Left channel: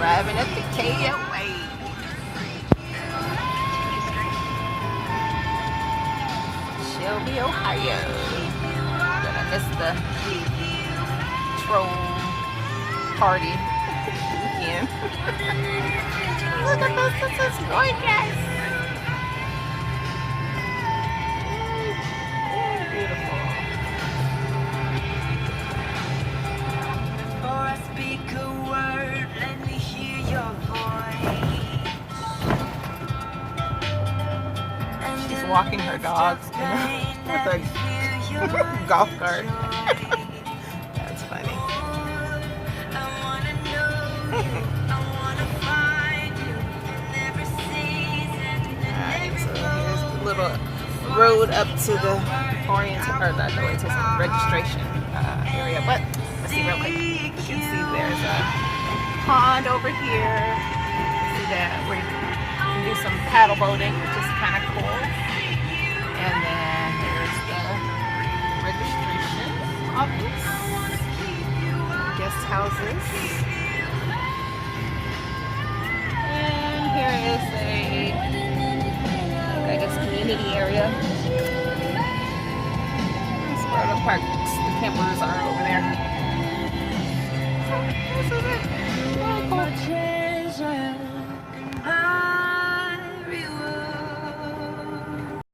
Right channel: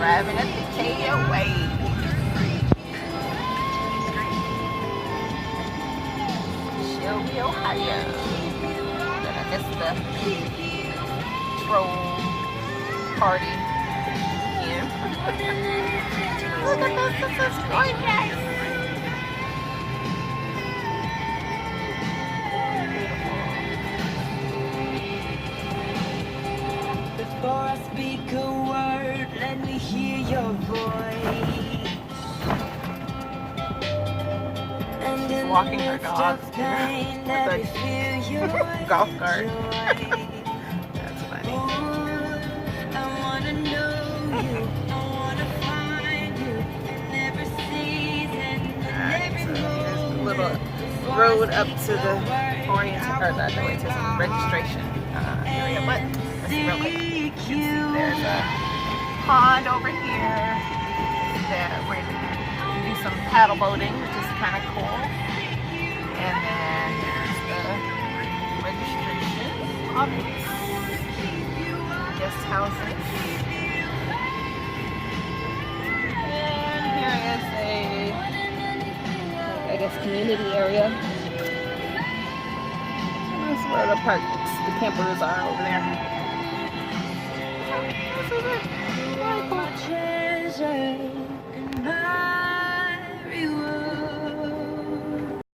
driving at the KOA. Shelby, Ohio. Gonna miss the troll party again. Look at this, this is gorgeous. Beautiful. Before I speak a word, let me hear your voice. She's walking her dog with a golf cart. That's funny. Alright, so there's a little road up to the orientation, or not the orientation, registration area. But let's see real quick. You can see there's a pond over here. See that where you can do some paddle boating, which is kind of cool. And then here's the registration office, guest houses. And here is a, I guess, community area. That's where the parks, the campers are over there. So this is it. Very cool.